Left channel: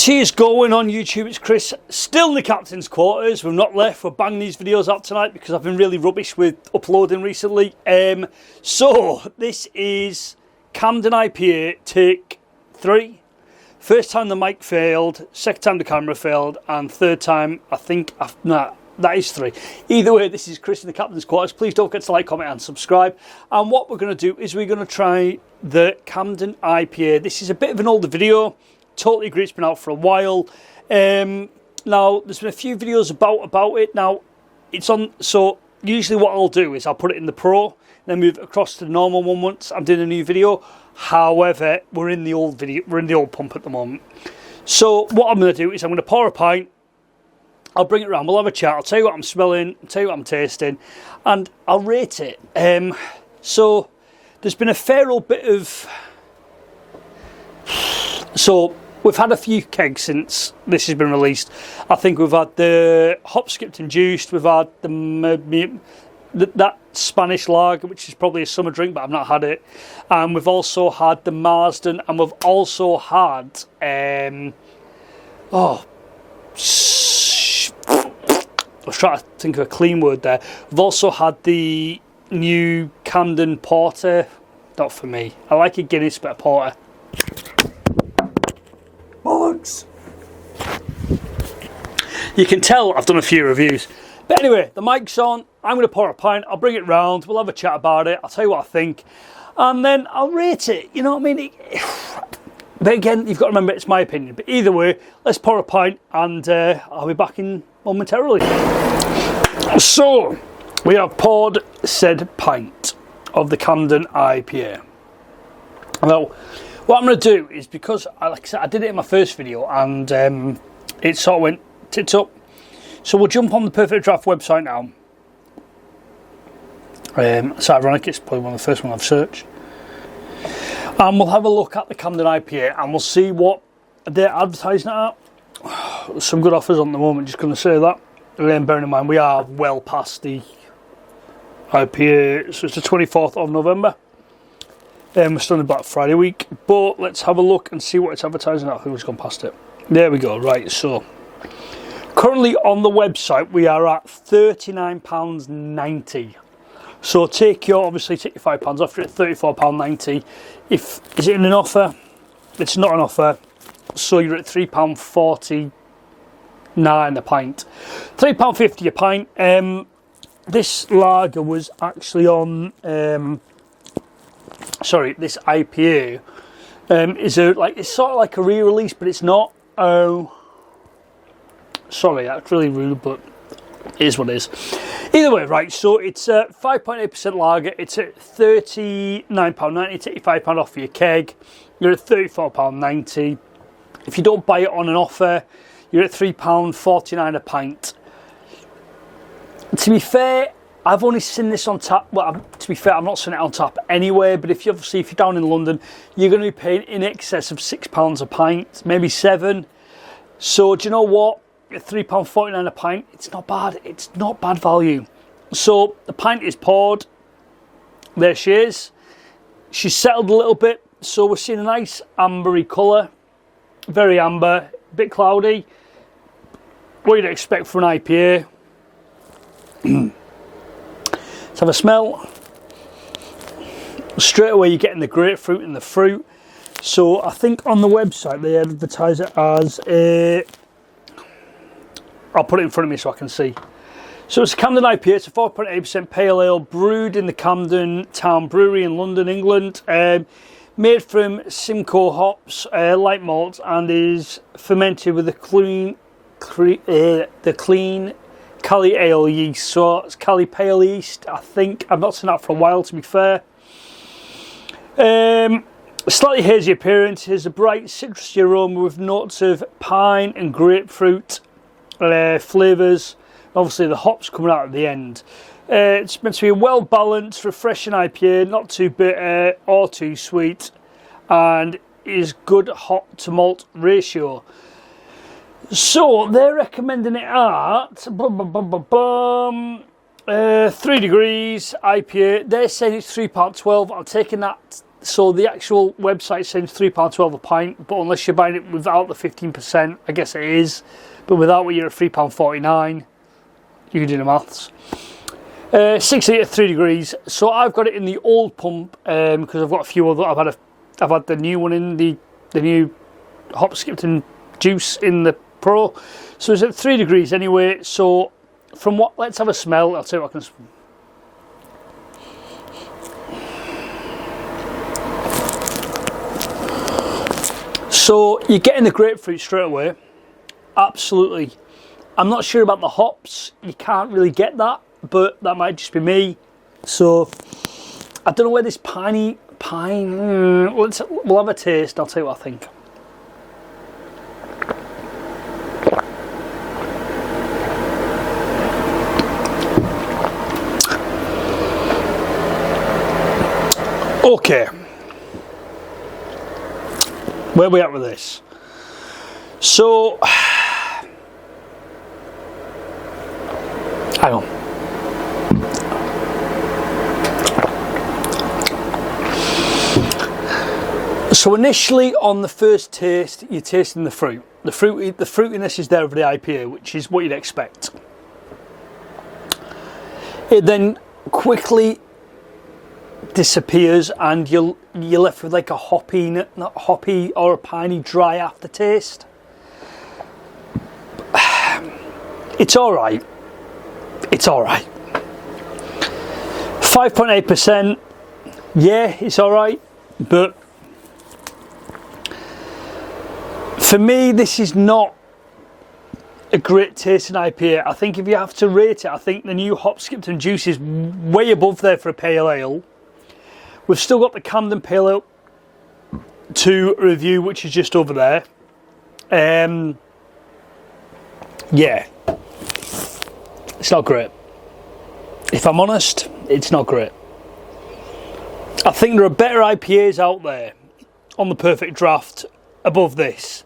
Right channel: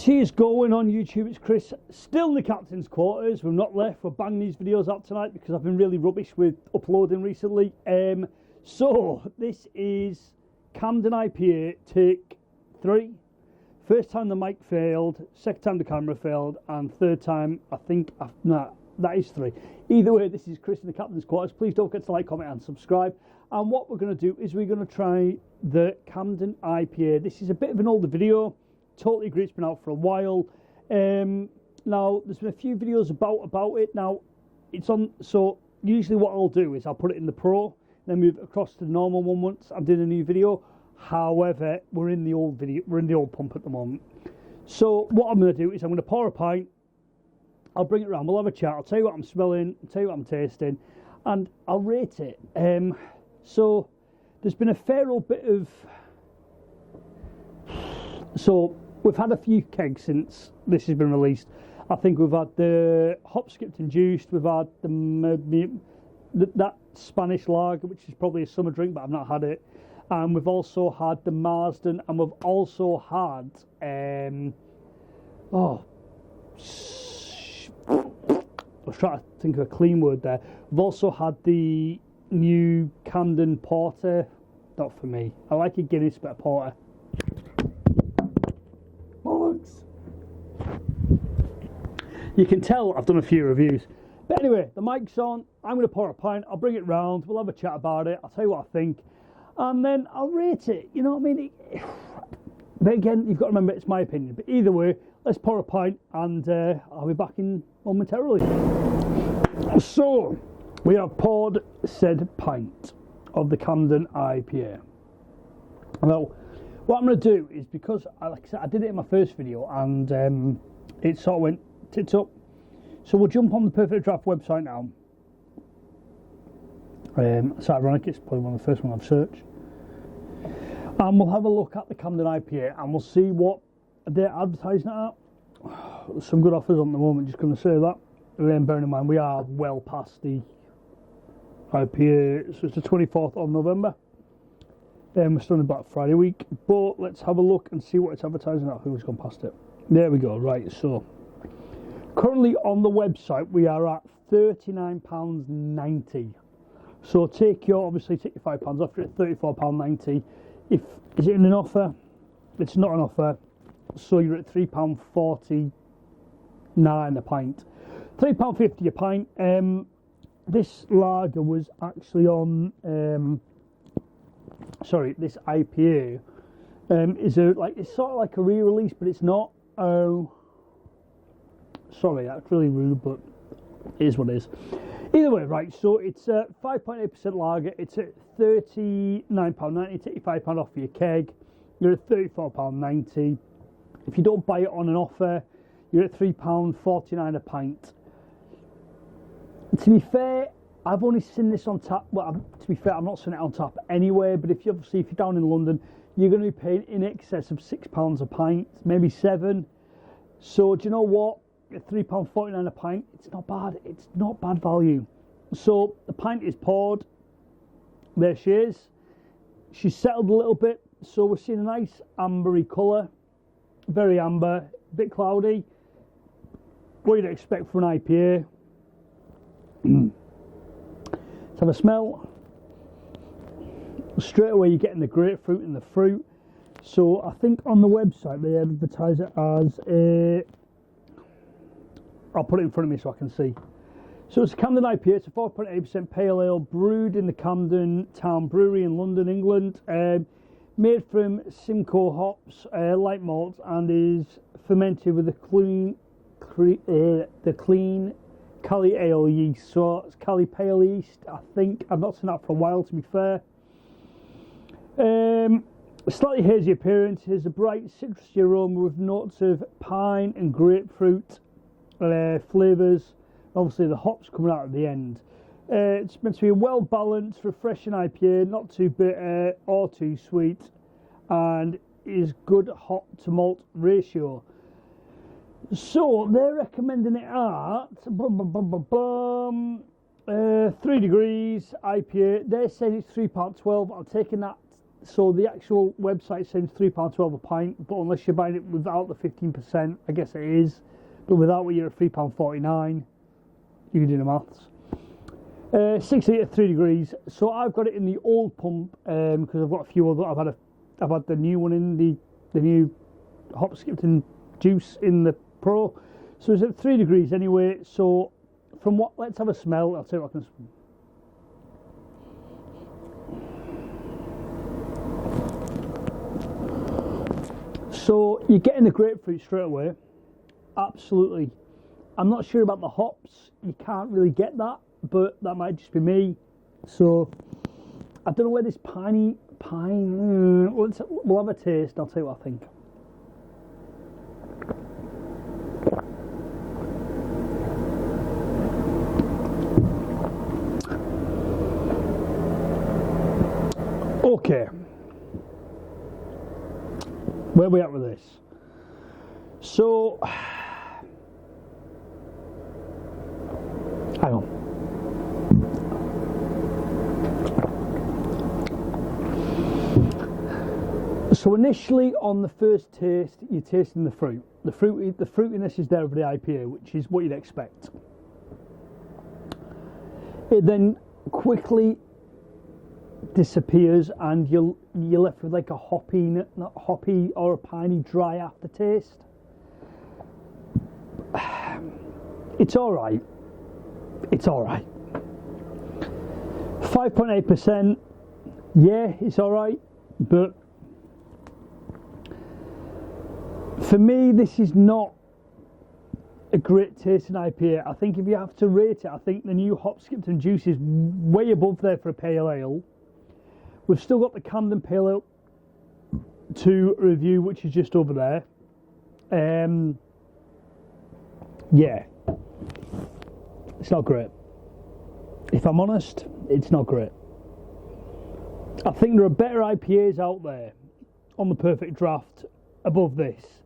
What is going on YouTube? It's Chris, still in the captain's quarters. We've not left. We're banging these videos out tonight because I've been really rubbish with uploading recently. So this is Camden IPA take 3. First time the mic failed, second time the camera failed, and third time I think, that is 3. Either way, this is Chris in the captain's quarters. Please don't forget to like, comment and subscribe. And what we're going to do is we're going to try the Camden IPA. This is a bit of an older video. Totally agree, it's been out for a while. Now, there's been a few videos about it. Now, it's on, so usually what I'll do is I'll put it in the Pro, then move it across to the normal one once I'm doing a new video. However, we're in the old pump at the moment. So what I'm going to do is I'm going to pour a pint, I'll bring it around, we'll have a chat, I'll tell you what I'm smelling, I'll tell you what I'm tasting, and I'll rate it. So there's been a fair old bit of... So we've had a few kegs since this has been released. I think we've had the hop skipped and juiced, we've had that Spanish lager, which is probably a summer drink, but I've not had it. And we've also had the Marsden, and we've also had I was trying to think of a clean word there. We've also had the new Camden Porter. Not for me. I like a Guinness, but a Porter. Bollocks. You can tell I've done a few reviews. But anyway, the mic's on. I'm going to pour a pint. I'll bring it round. We'll have a chat about it. I'll tell you what I think. And then I'll rate it. You know what I mean? But again, you've got to remember it's my opinion. But either way, let's pour a pint and I'll be back in momentarily. So, we have poured said pint of the Camden IPA. Now, what I'm going to do is, because, like I said, I did it in my first video and it sort of went tits up. So we'll jump on the Perfect Draft website now. It's ironic, it's probably one of the first ones I've searched. And we'll have a look at the Camden IPA and we'll see what they're advertising it at. There's some good offers on the moment, just going to say that. Bearing in mind, we are well past the IPA, so it's the 24th of November. We're still in Black Friday week, but let's have a look and see what it's advertising at. I think we've gone past it. There we go, right, so currently on the website we are at £39.90. So take your £5 off, you're at £34.90. Is it in an offer? It's not an offer, so you're at £3.49 a pint. £3.50 a pint. This lager was actually on this IPA it's sort of like a re-release, but it's not. Oh, sorry, that's really rude, but it is what it is. Either way, right, so it's a 5.8% lager. It's at £39.90. Take your £5 off for your keg. You're at £34.90. If you don't buy it on an offer, you're at £3.49 a pint. To be fair, I've only seen this on tap. Well, to be fair, I've not seen it on tap anywhere. But if you're down in London, you're going to be paying in excess of £6 a pint, maybe £7. So do you know what? At £3.49 a pint, it's not bad. It's not bad value. So the pint is poured. There she is. She's settled a little bit. So we're seeing a nice ambery colour. Very amber, a bit cloudy. What you'd expect for an IPA. Let's have a smell. Straight away you're getting the grapefruit and the fruit. So I think on the website they advertise it as a... I'll put it in front of me so I can see. So it's a Camden IPA. It's a 4.8% pale ale brewed in the Camden Town Brewery in London, England. Made from Simcoe hops, light malt, and is fermented with the clean Cali ale yeast. So it's Cali pale yeast, I think. I've not seen that for a while, to be fair. Slightly hazy appearance. Here's a bright citrusy aroma with notes of pine and grapefruit flavours. Obviously the hops coming out at the end. It's meant to be a well balanced, refreshing IPA, not too bitter or too sweet, and is good hop to malt ratio. So they're recommending it at 3 degrees IPA. They're saying it's £3.12. I'm taking that So the actual website says £3.12 a pint, but unless you're buying it without the 15%, I guess it is. But without it, you're at £3.49. You can do the maths. 6 litre, 3 degrees. So I've got it in the old pump because I've got a few other. I've had the new one in the new hop skipped and juice in the Pro. So it's at 3 degrees anyway. So from what? Let's have a smell. I'll tell you what I can. So you're getting the grapefruit straight away. Absolutely. I'm not sure about the hops. You can't really get that, but that might just be me. So I don't know where this pine. We'll have a taste. I'll tell you what I think. Okay. Where are we at with this? So, hang on. So initially on the first taste, you're tasting the fruit. The fruitiness is there of the IPA, which is what you'd expect. It then quickly disappears and you're left with like a hoppy, not hoppy or a piney dry aftertaste. It's all right. It's all right. 5.8%. Yeah, it's all right, but for me, this is not a great tasting IPA. I think if you have to rate it, I think the new hop skipped and juice is way above there for a pale ale. We've still got the Camden Pale Ale to review, which is just over there. Yeah, it's not great. If I'm honest, it's not great. I think there are better IPAs out there on the Perfect Draft above this.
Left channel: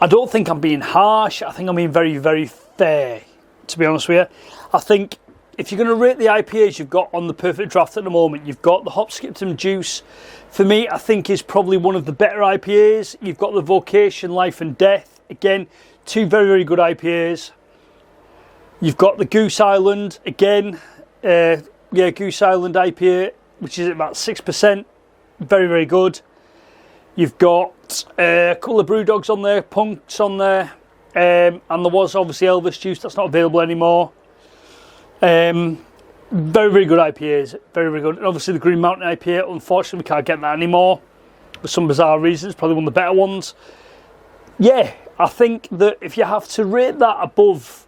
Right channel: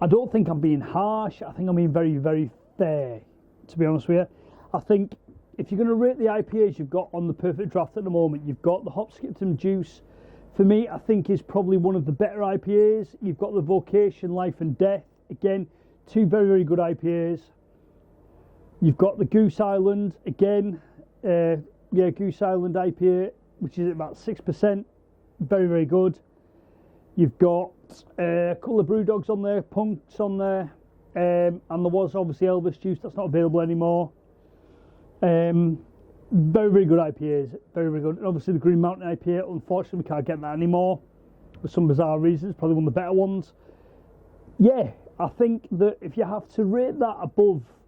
I don't think I'm being harsh. I think I'm being very, very fair, to be honest with you. I think if you're going to rate the IPAs you've got on the Perfect Draft at the moment, you've got the Hop Skipton Juice. For me, I think is probably one of the better IPAs. You've got the Vocation Life and Death. Again, two very, very good IPAs. You've got the Goose Island, again. Goose Island IPA, which is at about 6%. Very, very good. You've got a couple of brew dogs on there, punks on there. And there was obviously Elvis Juice, that's not available anymore. Very, very good IPAs, very, very good. And obviously the Green Mountain IPA, unfortunately we can't get that anymore for some bizarre reasons, probably one of the better ones. Yeah, I think that if you have to rate that above,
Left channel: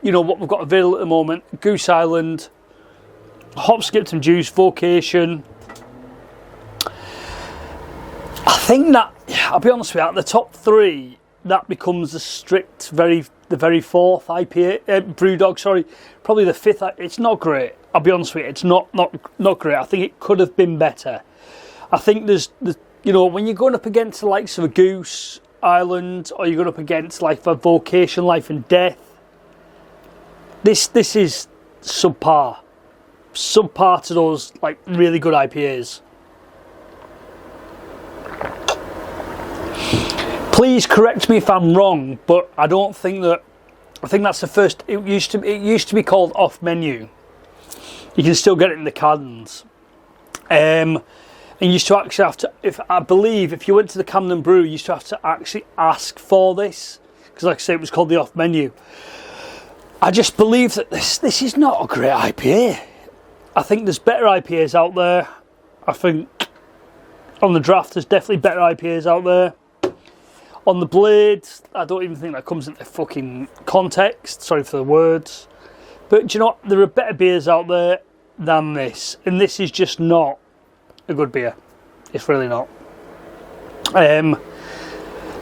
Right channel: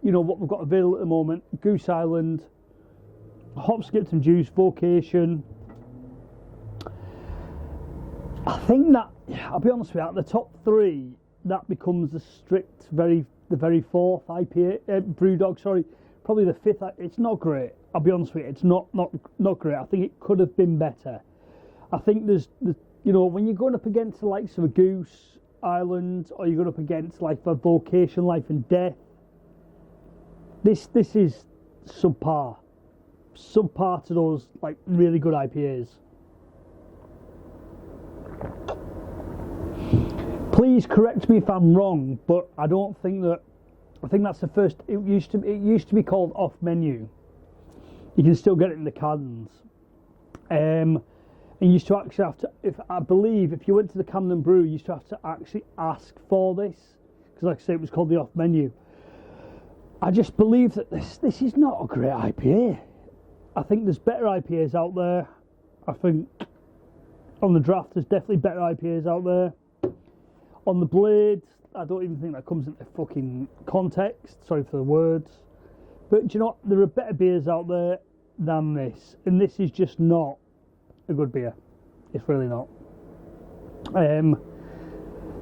what we've got available at the moment, Goose Island, Hop Skipped and Juice, Vocation, I think that, I'll be honest with you, the top three, that becomes the very fourth IPA, Brewdog, sorry, probably the fifth. It's not great. I'll be honest with you, it's not great. I think it could have been better. I think there's when you're going up against the likes of a Goose Island, or you're going up against like a Vocation Life and Death, this is subpar to those like really good IPAs. Please correct me if I'm wrong, but I don't think that. I think that's the first. It used to be called off menu. You can still get it in the cans. And you used to actually have to. If you went to the Camden Brew, you used to have to actually ask for this because, like I say, it was called the off menu. I just believe that this is not a great IPA. I think there's better IPAs out there. I think on the draft there's definitely better IPAs out there. On the blade, I don't even think that comes into fucking context. Sorry for the words. But do you know what? There are better beers out there than this. And this is just not a good beer. It's really not. Like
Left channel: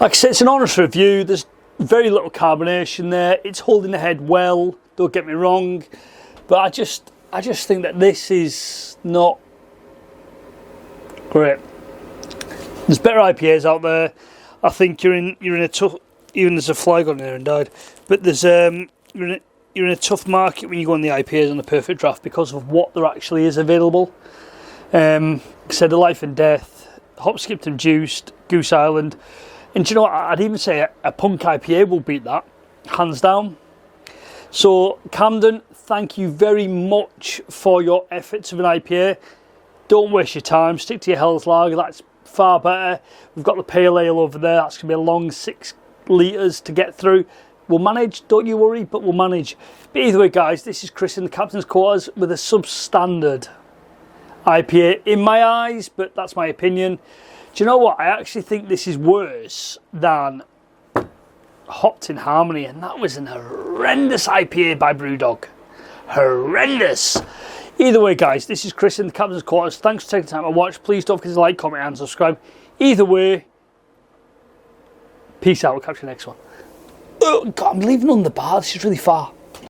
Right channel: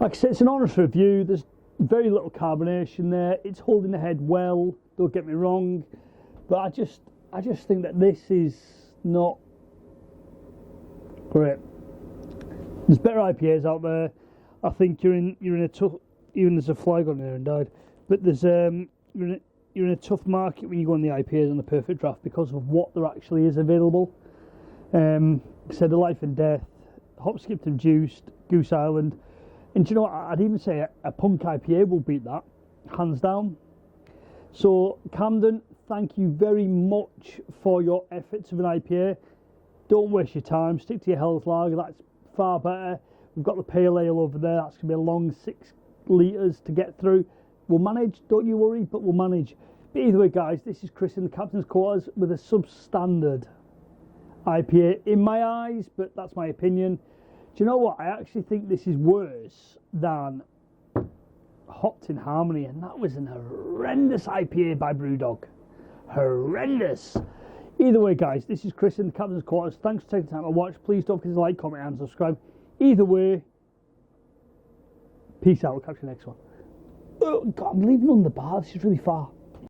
I said, it's an honest review. There's very little carbonation there. It's holding the head well. Don't get me wrong. But I just think that this is not great. There's better IPAs out there. I think you're in a tough. Even there's a fly on there and died. But there's you're in a tough market when you go on the IPAs on the Perfect Draft because of what there actually is available. Said the Life and Death, Hop, Skipped and Juiced, Goose Island. And do you know what? I'd even say a Punk IPA will beat that, hands down. So Camden, thank you very much for your efforts of an IPA. Don't waste your time, stick to your Hell's Lager, that's far better. We've got the Pale Ale over there, that's going to be a long 6 litres to get through. We'll manage, don't you worry, but we'll manage. But either way, guys, this is Chris in the Captain's Quarters with a substandard IPA in my eyes, but that's my opinion. Do you know what? I actually think this is worse than Hopped in Harmony, and that was an horrendous IPA by Brewdog. Horrendous. Either way, guys, this is Chris in the Captain's Quarters. Thanks for taking the time to watch. Please don't forget to like, comment, and subscribe. Either way, peace out. We'll catch you next one. Oh, God, I'm leaving on the bar. This is really far.